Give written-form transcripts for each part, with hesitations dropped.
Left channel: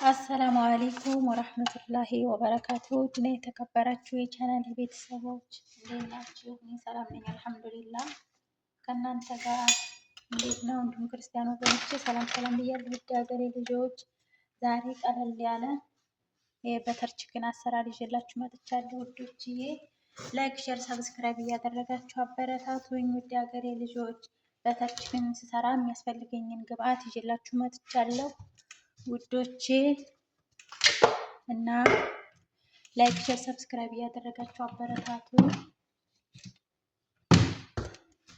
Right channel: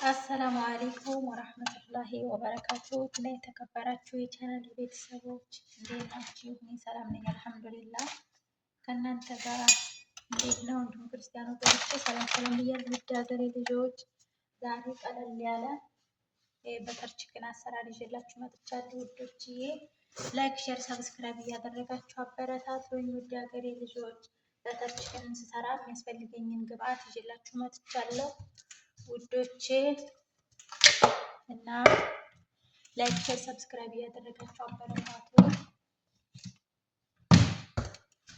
አሰላሙ አለይኩም ወራህመቱላሂ ወበረካቱ። እና የተከበራችሁ የቻናል ቤተሰቦች እንዴት ናችሁ? እኔ ሰላም ነኝ አልሐምዱሊላህ። ከእናንተ ጋር እንዴት ነው? እንዲሁም ክርስቲያን ወገኖቼ ሰላም ሰላም ብያለሁ። ውድ ሀገሬ ልጆች ዛሬ ቀለል ያለ የበተር ቺክን አሰራር ይዤላችሁ መጥቻለሁ። ውዶችዬ ላይክ፣ ሼር፣ ሰብስክራይብ እያደረጋችሁ አበረታቱኝ። ውድ ሀገሬ ልጆች በተር ቺክን ስሰራ የሚያስፈልገኝን ግብአት ይዤላችሁ መጥቻለሁ ውዶቼ እና ላይክ ሼር ሰብስክራይብ እያደረጋችሁ አበረታቱ።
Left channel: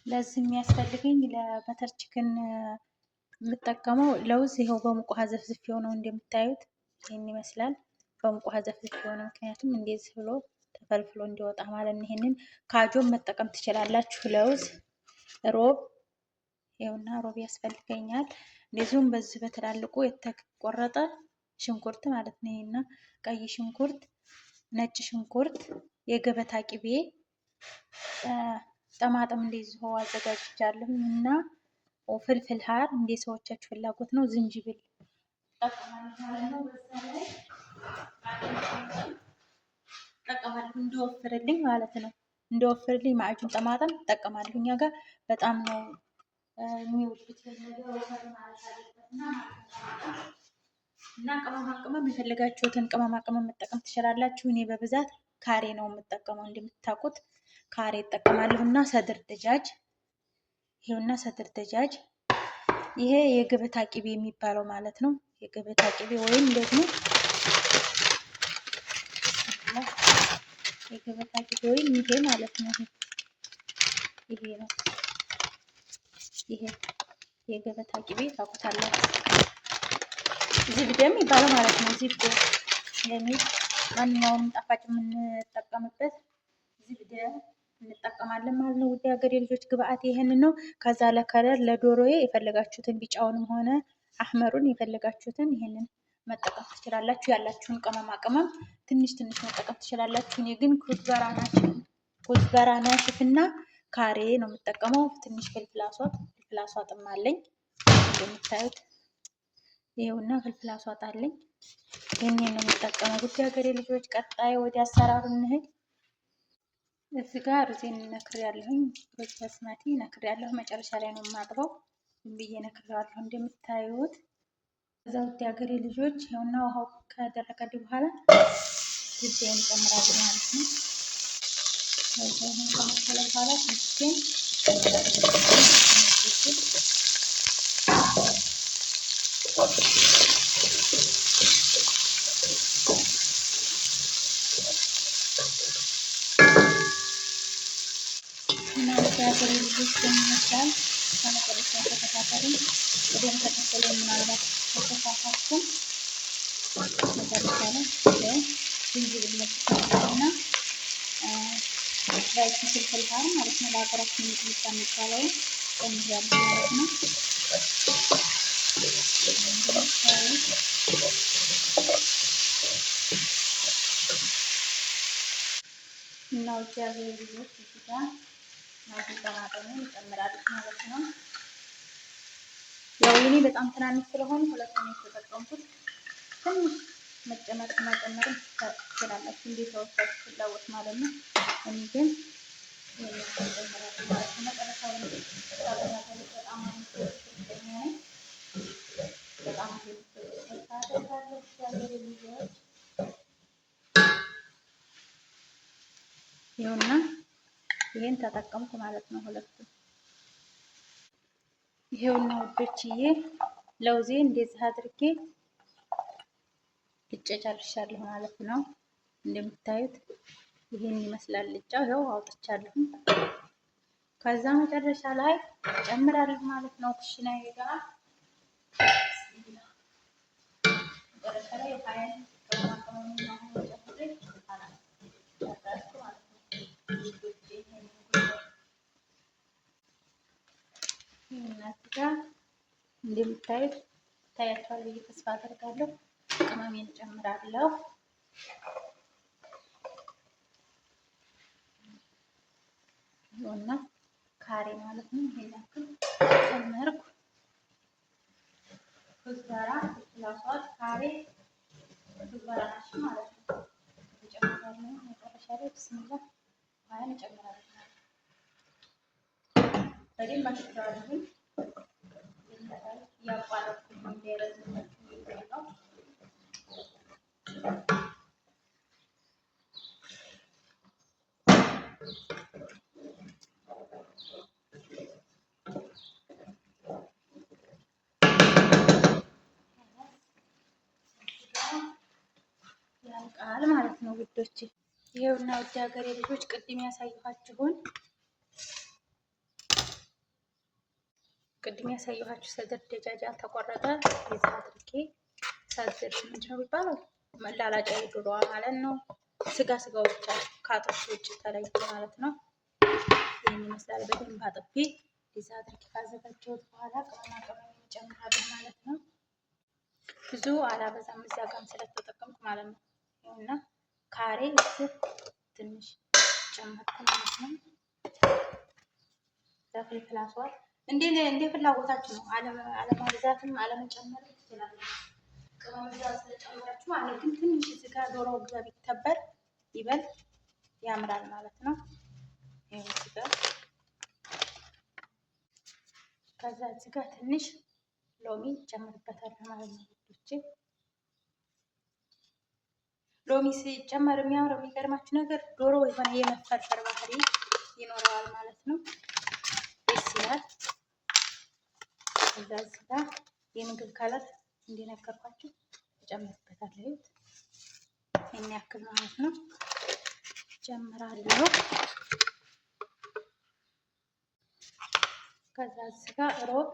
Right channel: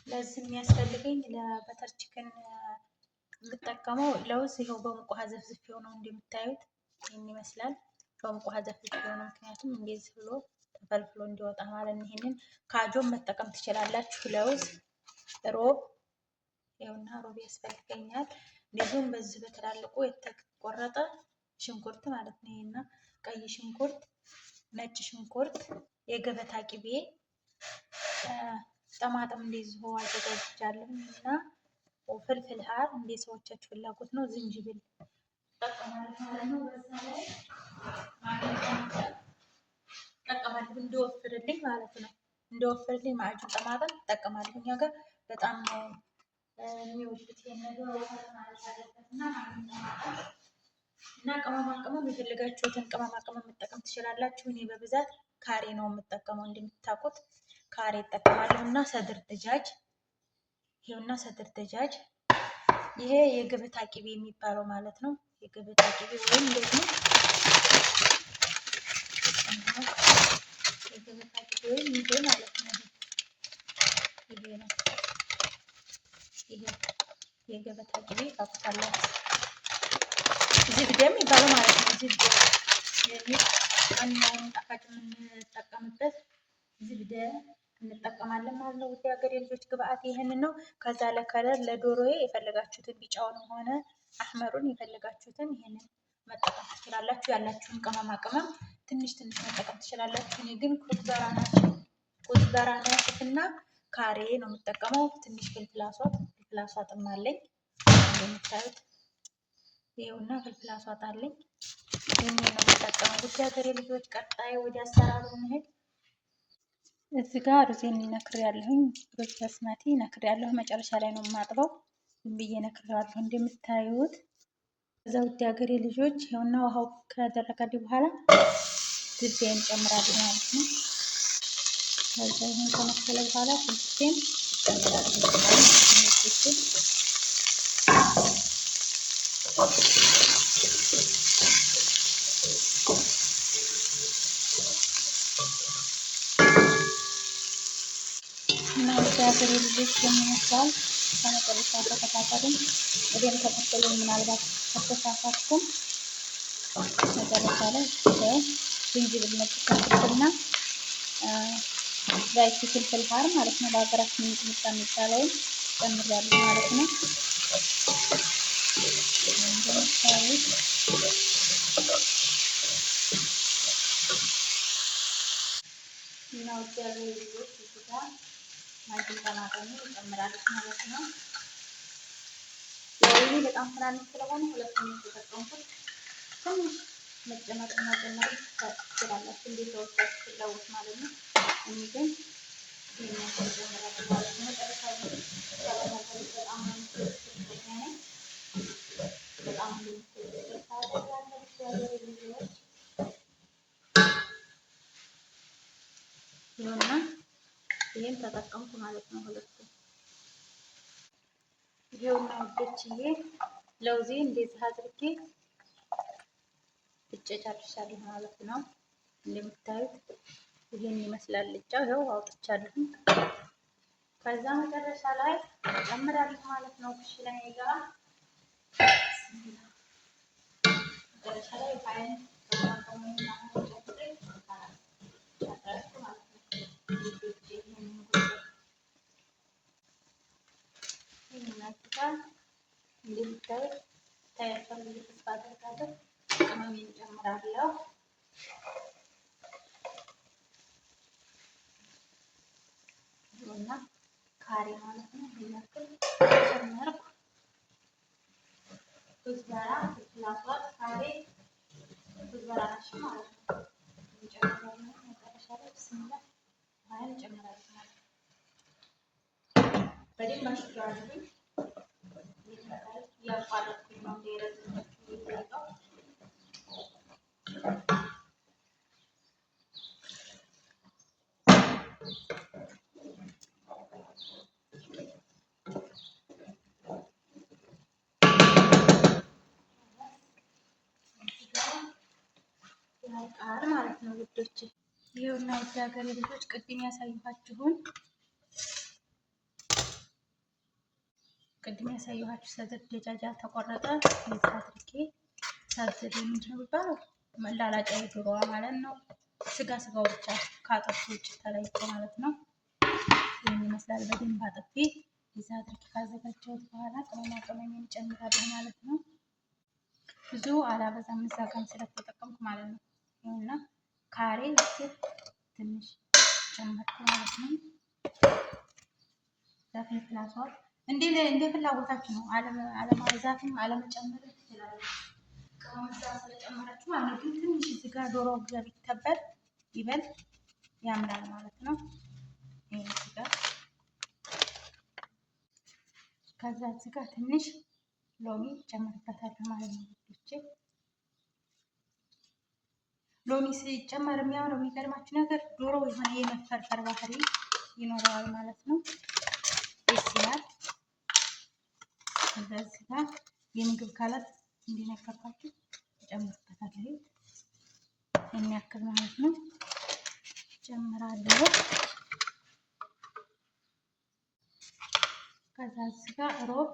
ለዚህ የሚያስፈልገኝ ለበተር ቺክን የምጠቀመው ለውዝ ይኸው በሙቅ ውሃ ዘፍዝፌው ነው። እንደምታዩት ይህን ይመስላል። በሙቅ ውሃ ዘፍዝፌው ነው፣ ምክንያቱም እንደዚህ ብሎ ተፈልፍሎ እንዲወጣ ማለት ነው። ይሄንን ካጆም መጠቀም ትችላላችሁ። ለውዝ፣ ሮብ ይኸውና ሮብ ያስፈልገኛል። እንደዚሁም በዚህ በትላልቁ የተቆረጠ ሽንኩርት ማለት ነው። እና ቀይ ሽንኩርት፣ ነጭ ሽንኩርት፣ የገበታ ቅቤ፣ ጠማጥም እንደዚሁ አዘጋጅቻለሁ እና ፍልፍል ሀር እንደ ሰዎቻችሁ ፍላጎት ነው። ዝንጅብል እጠቀማለሁ ማለት ነው። በዛ ላይ እጠቀማለሁ እንዲወፍርልኝ ማለት ነው። እንዲወፍርልኝ ማዕጁን ጠማጥም እጠቀማለሁ። እኛ ጋር በጣም ነው የሚወዱት ነገር ወፈር ማለት አለበት እና ቅመማ ቅመም የፈለጋችሁትን ቅመማ ቅመም መጠቀም ትችላላችሁ። እኔ በብዛት ካሬ ነው የምጠቀመው። እንደምታውቁት ካሬ እጠቀማለሁ እና ሰድር ደጃጅ ይሄውና ሰድር ደጃጅ ይሄ የገበታ ቅቤ የሚባለው ማለት ነው። የገበታ ቅቤ ወይም ደግሞ የገበታ ቅቤ ወይም ይሄ ማለት ነው። ይሄ ነው ይሄ የገበታ ቅቤ ታውቁታላችሁ። ዝብደ የሚባለው ማለት ነው። ዝብደ የሚል ማንኛውም ጣፋጭ የምንጠቀምበት ዝብደ እንጠቀማለን ማለት ነው። ውድ ሀገሬ ልጆች ግብአት ይሄንን ነው። ከዛ ለከለር ለዶሮዬ የፈለጋችሁትን ቢጫውንም ሆነ አህመሩን የፈለጋችሁትን ይሄንን መጠቀም ትችላላችሁ። ያላችሁን ቅመማ ቅመም ትንሽ ትንሽ መጠቀም ትችላላችሁ። እኔ ግን ኩዝበራ ናሽፍና ካሬ ነው የምጠቀመው። ትንሽ ፍልፍል አስዋጥም አለኝ እንደምታዩት ይኸውና ፍልፍል አስዋጥ አለኝ። ይሄንን ነው የምጠቀመው። ውድ ሀገሬ ልጆች ቀጣይ ወደ አሰራሩ እንሂድ። እዚህ ጋር ሩዜን ነክሬያለሁኝ። ሩዝ በስመቲ ነክሬያለሁ። መጨረሻ ላይ ነው የማጥበው። ዝም ብዬ ነክሬያለሁ እንደምታዩት። እዛ ውድ ሀገሬ ልጆች ይኸውና ውሃው ከደረቀልኝ በኋላ ዝብዴን እጨምራለሁ ማለት ነው። ከዛ ይሄን ከመሰለ በኋላ ሽንኩርቴን እጨምራለሁ። እና ወደ ሀገሬ ልጆች የሚመስላል ከመጨረሻ ተከታተሉኝ። ወዲያም ተከተሉ። ምናልባት ከተሳሳትኩም መጨረሻ ላይ ዝንጅብል መጥፋትና ዳይት ፍልፍል ሀር ማለት ነው። በሀገራችን ሚጥሚጣ የሚባለውን ጨምሬያለሁ ማለት ነው። እና ውድ ሀገሬ ልጆች እዚህ ጋር ማዕድን ጠማጠሙን እጨምራለሁ ማለት ነው። ያው እኔ በጣም ትናንሽ ስለሆነ ሁለቱን የተጠቀምኩት ትንሽ መጨመር ትችላላችሁ እንደ ሰዎቻችሁ ፍላጎት ማለት ነው። እኔ ግን ይሄንን እጨምራለሁ ማለት ነው። መጨረሻ ላይ በጣም ይኸውና ይሄን ተጠቀምኩ ማለት ነው። ሁለቱም ይሄውና ውዶችዬ ለውዜ እንደዚህ አድርጌ ልጬ ጨርሻለሁ ማለት ነው። እንደምታዩት ይሄን ይመስላል ልጫው። ይኸው አውጥቻለሁ። ከዛ መጨረሻ ላይ እጨምራለሁ ማለት ነው። ኩሽናዬ ጋር መጨረሻ ላይ ፋይን እንደምታዩት ታያችኋል ብዬ ተስፋ አደርጋለሁ። ቅመሜን እጨምራለሁ። እና ካሬ ማለት ነው። ይሄን ያክል ጨመርኩ። ኩዝበራ፣ ፍልፍል አስዋድ፣ ካሬ በደንብ አሽቸዋለሁኝ። ያቋረጥኩት ነው እንዳይረዝም የሚፈልገው። ያልቃል ማለት ነው ውዶች። ይሄውና ውድ ሀገሬ ልጆች ቅድም ያሳየኋችሁ ሰድር ደጃጅ ያልተቆረጠ የዛ አድርጌ ሳድር ምንድን ነው የሚባለው መላላጫ የዶሮዋ ማለት ነው። ስጋው ብቻ ከአጥንቱ ውጭ ተለይቶ ማለት ነው። ይህን ይመስላል። በደንብ አጥቤ የዛ አድርጌ ካዘጋጀሁት በኋላ ቅመማ ቅመም እንጨምራለን ማለት ነው። ብዙ አላበዛም እዛ ጋም ስለተጠቀምኩ ማለት ነው። ይኸውና ካሬ ትንሽ ጨመርኩ ማለት ነው። ፍልፍል አስዋል እንደ ፍላጎታችሁ ነው። አለማብዛትም አለመጨመር ትችላላችሁ። ቅመም እዛ ስለጨመራችሁ ማለት ግን ትንሽ እዚህ ጋር ዶሮ ግብ ይተበል ይበል ያምራል ማለት ነው። ይሄን እዚህ ጋር ከዛ እዚህ ጋር ትንሽ ሎሚ ጨምርበታለሁ ማለት ነው ውዶቼ። ሎሚ ሲጨመር የሚያምረው የሚገርማችሁ ነገር ዶሮ የሆነ የመፈርፈር ባህሪ ይኖረዋል ማለት ነው። ደስ ይላል። ከዛ እዚህ ጋር የምግብ ከለር እንዲነገርኳችሁ እጨምርበታለሁ። የሚያክል ማለት ነው ጨምራለሁ። ከዛ እዚህ ጋር ሮብ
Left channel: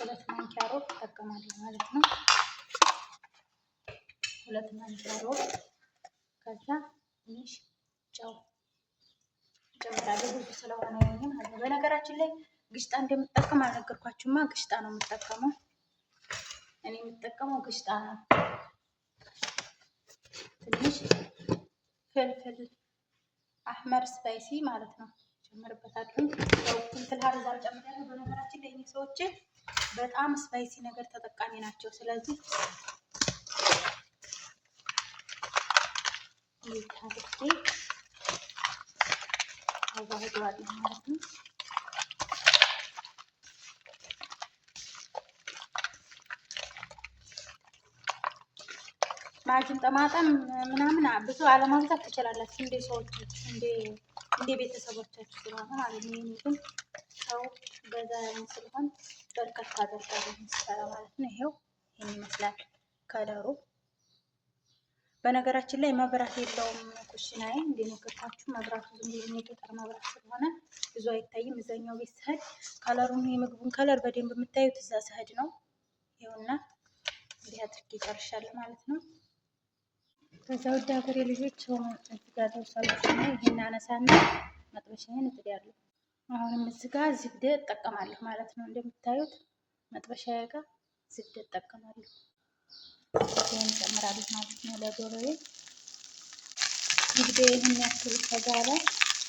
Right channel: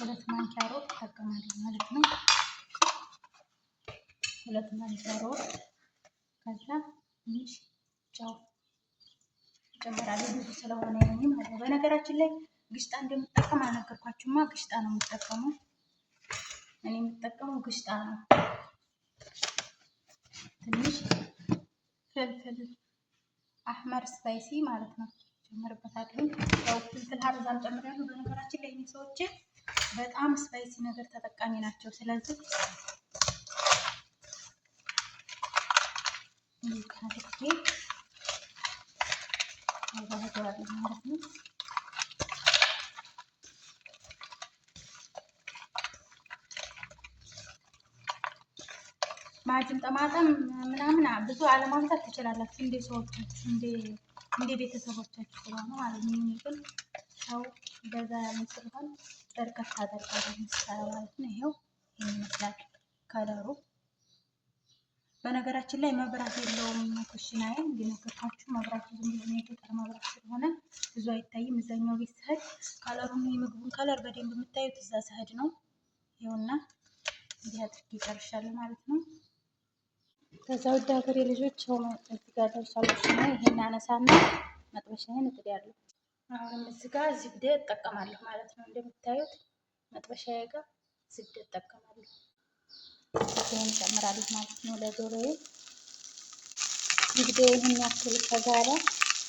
2 ማንኪያ ሮብ እጠቀማለሁ ማለት ነው። 2 ማንኪያ ሮብ። ከዛ ትንሽ ጨው ጨምራለሁ ብዙ ስለሆነ ይሄ ማለት ነው። በነገራችን ላይ ግሽጣ እንደምጠቀም አልነገርኳችሁማ። ግሽጣ ነው የምጠቀመው እኔ የምጠቀመው ግሽጣ ነው። ትንሽ ፍልፍል አህመር ስፓይሲ ማለት ነው ጨምርበታለሁ። ያው እንትን ሀርዛም ጨምራለሁ። በነገራችን ላይ እኚህ ሰዎች በጣም ስፓይሲ ነገር ተጠቃሚ ናቸው። ስለዚህ ይታርቄ አዋህደዋለሁ ማለት ነው። ማጅን ጠማጠም ምናምን ብዙ አለማብዛት ትችላላችሁ እንደ ሰዎች እንደ ቤተሰቦቻችሁ ስለሆነ ማለት ነው። እኔ ግን ሰው በዛ ያለን ስለሆነ በርከት አደርጋለሁ ምሳሌ ማለት ነው። ይሄው ይሄን ይመስላል ከለሩ። በነገራችን ላይ መብራት የለውም ኩሽናዬ እንደነገርኳችሁ። መብራቱ ዝም ብሎ የገጠር መብራት ስለሆነ ብዙ አይታይም። እዛኛው ቤት ስሄድ ከለሩን የምግቡን ከለር በደንብ የምታዩት እዛ ስሄድ ነው። ይኸውና እንዲህ አድርጌ ጨርሻለሁ ማለት ነው። ከዛ ውድ ሀገሬ ልጆች ሰው እዚህ ጋር ደርሷል። ይሄን አነሳና መጥበሻዬን እጥዳለሁ። አሁንም እዚህ ጋር ዝብደ እጠቀማለሁ ማለት ነው። እንደምታዩት መጥበሻዬ ጋር ዝብደ እጠቀማለሁ። ይሄን እጨምራለሁ ማለት ነው ለዶሮዬ። ዝብደ ይሄን ያክል ከጋለ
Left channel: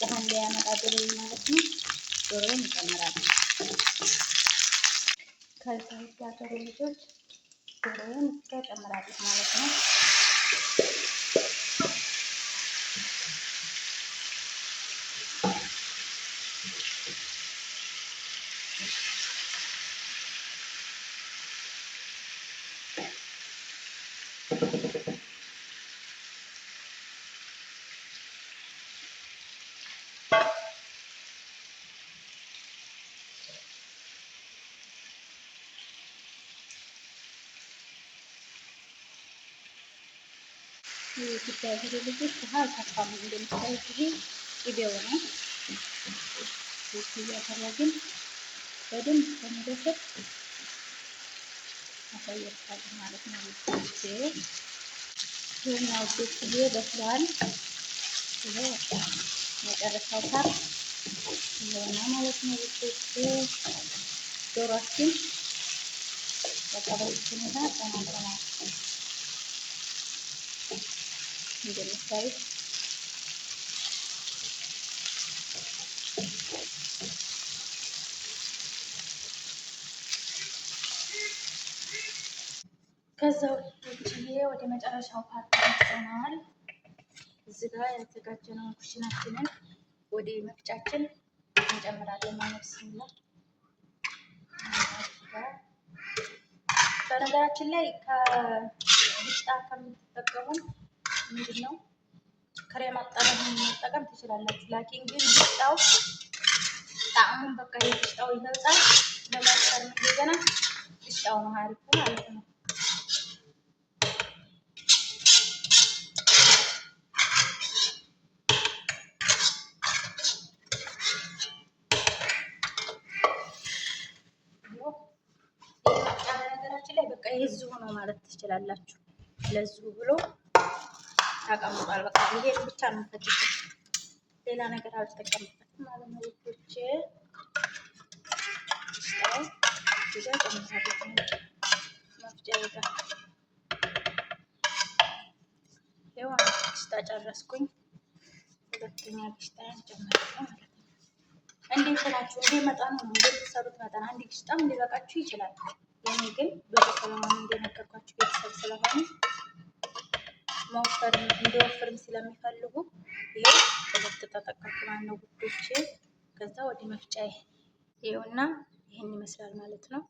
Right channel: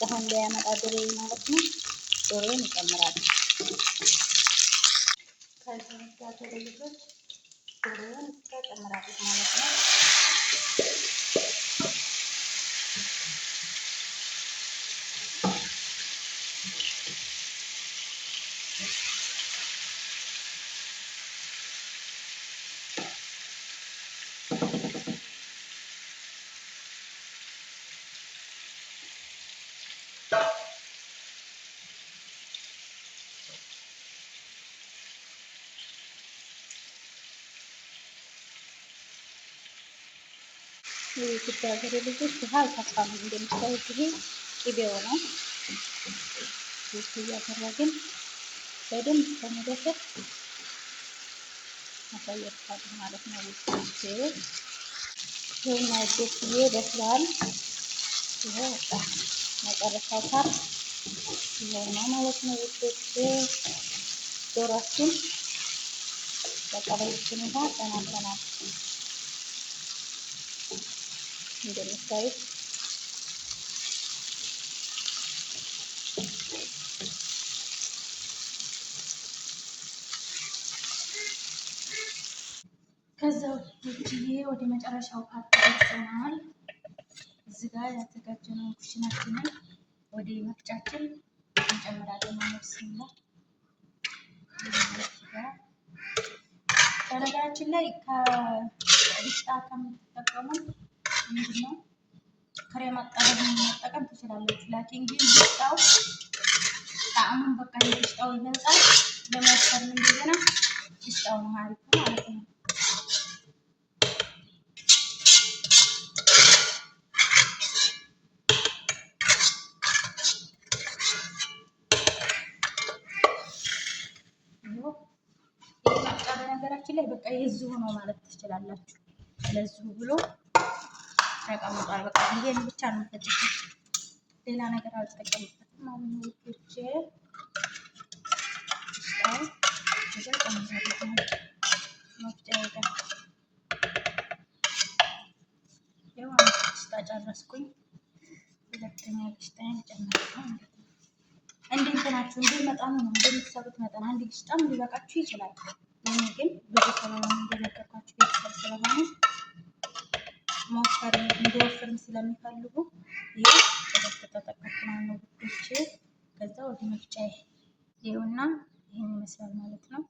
ውሃ እንዳያመጣ ዶሮዬ ማለት ነው። ዶሮዬን እጨምራለሁ። ከዛ ውድ ሀገሬ ልጆች ዶሮዬን እዚህ ጋር እጨምራለሁ ማለት ነው። የኢትዮጵያ ሀገሬ ልጆች ውሃ አልተፋም። እንደምታዩት ይሄ ቅቤው ነው። እያደረግን በደንብ ከመደፈት አሳየርታለሁ ማለት ነው። ውስጥ ይሄና ውስጥ በስሏል። ይሄ በቃ መጨረሻው ፓርት ይሄና ማለት ነው። ውስጥ ዶሮአችን በቃ በዚህ ሁኔታ ተናግረናል። እንደምታዩት ከዛ ወዲህ ወደ መጨረሻው ፓርት ደርሰናል። እዚህ ጋር ያዘጋጀነውን ኩሽናችንን ወደ መፍጫችን እንጨምራለን ማለት ነው። በነገራችን ላይ ከግሽጣ ከምትጠቀሙ ምንድን ነው ክሬም አጣበን መጠቀም ትችላላችሁ። ላኪን ግን ግሽጣው ጣዕሙን በቃ የግሽጣው ይበልጣል። ለማሰርም እንደገና ግሽጣው ነው አሪፉ ማለት ነው። ላይ በቃ የዚሁ ነው ማለት ትችላላችሁ። ለዚሁ ብሎ ተቀምጧል። በቃ ይሄን ብቻ ነው የምፈጭው፣ ሌላ ነገር አልተጠቀምበትም ማለት ነው። ውዶቼ ስታው እዚህ ጋር ጨምራለሁ መፍጫዬ ጋር ያው ግሽጣ ጨረስኩኝ። ሁለተኛ ግሽጣዬን ጨምራለሁ ማለት ነው። እንደ እንትናችሁ እንደ መጠኑ ነው እንደምትሰሩት መጠን አንድ ግሽጣም ሊበቃችሁ ይችላል። ይሄ ግን ብዙ ስለሆነ እንደነገርኳችሁ ቤተሰብ ስለሆነ መወፈርም እንዲወፍርም ስለሚፈልጉ ይሄ ሁለት ተጠቀምኩ ማለት ነው ውዶቼ። ከዛ ወደ መፍጫዬ ይኸውና ይሄን ይመስላል ማለት ነው።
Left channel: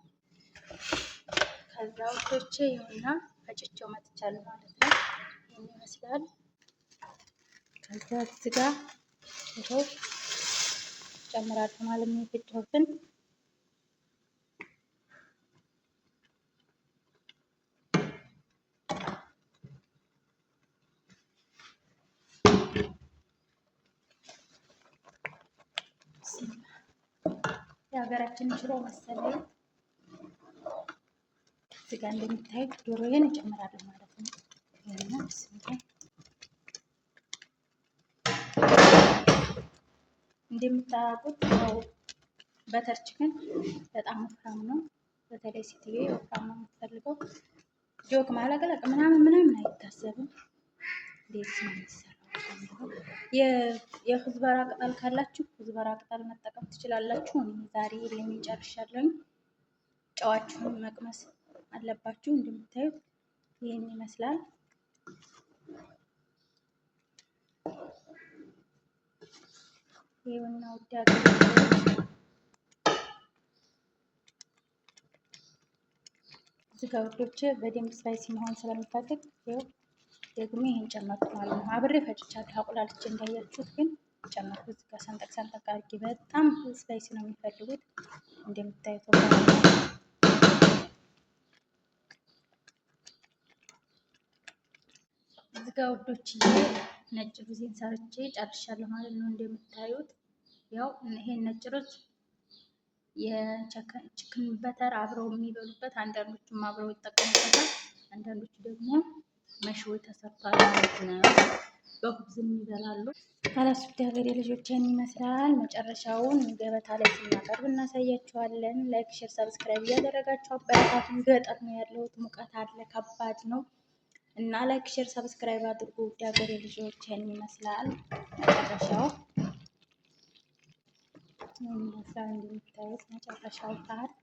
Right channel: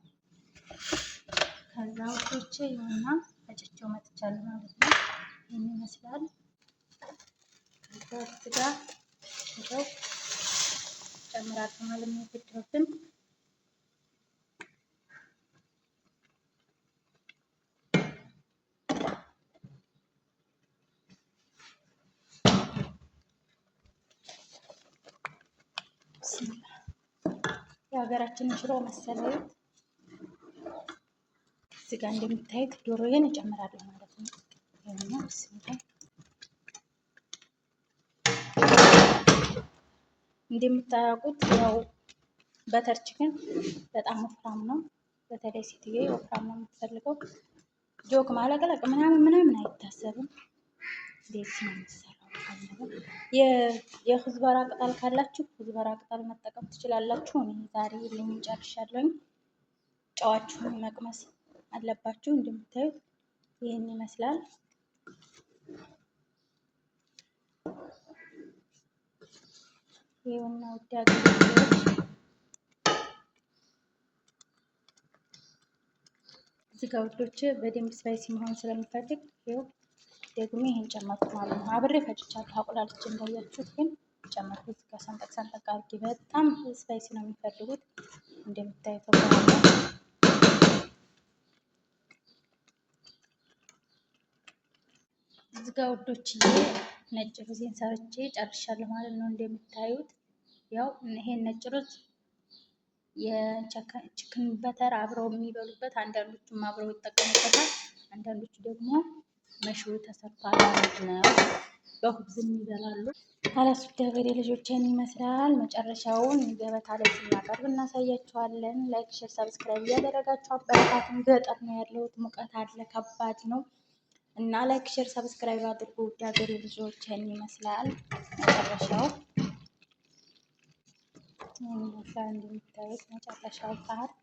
ከዛ ውዶቼ ይኸውና ፈጭቼው መጥቻለሁ ማለት ነው። ይሄን ይመስላል። ከዛ እዚህ ጋር ይኸው ጨምራለሁ ማለት ነው የፈጨሁትን የሀገራችን ሽሮ መሰለኝ። እዚህ ጋር እንደምታዩት ዶሮዬን እጨምራለሁ ማለት ነው። ይሄና እንደምታውቁት ያው በተር ቺክን በጣም ወፍራም ነው። በተለይ ሴትዬ ወፍራም ነው የምትፈልገው። ጆክ ማለቅለቅ ምናምን አይታሰብም። እንዴት ነው የሚሰራው? የክዝበራ ቅጠል ካላችሁ ክዝበራ ቅጠል መጠቀም ትችላላችሁ። እኔ ዛሬ የለኝም ጨርሻለሁኝ። ጨዋችሁን መቅመስ አለባችሁ። እንደምታዩት ይህን ይመስላል። ይኸውና ውድ ሀገር እዚህ ጋር ውዶች በደንብ ስፓይሲ መሆን ስለሚፈልግ ይኸው ደግሞ ይሄን ጨመርኩ ማለት ነው። አብሬ ፈጭቻለሁ አቁላልቼ እንዳያችሁት፣ ግን ጨመርኩ እዚህ ጋር ሰንጠቅ ሰንጠቅ አድርጌ። በጣም ስፓይሲ ነው የሚፈልጉት እንደምታዩት ወራለ። እዚህ ጋር ውዶች ነጭ ሩዝን ሰርቼ ጨርሻለሁ ማለት ነው። እንደምታዩት ያው ይሄን ነጭ ሩዝ የቺክን በተር አብረው የሚበሉበት፣ አንዳንዶቹም አብረው ይጠቀሙበታል፣ አንዳንዶቹ ደግሞ መሽሮ ተሰርቷል ማለት ነው። በሁብዝም ይበላሉ። አላሱድ ሀገሬ ልጆችን ይመስላል። መጨረሻውን ገበታ ላይ ስናቀርብ እናሳያችኋለን። ላይክ፣ ሼር፣ ሰብስክራይብ እያደረጋችሁ አበረታቱን። ገጠር ነው ያለሁት፣ ሙቀት አለ፣ ከባድ ነው እና ላይክ፣ ሼር፣ ሰብስክራይብ አድርጉ። ውድ ሀገሬ ልጆችን ይመስላል መጨረሻው ይመስላል እንደምታዩት መጨረሻው ፓርት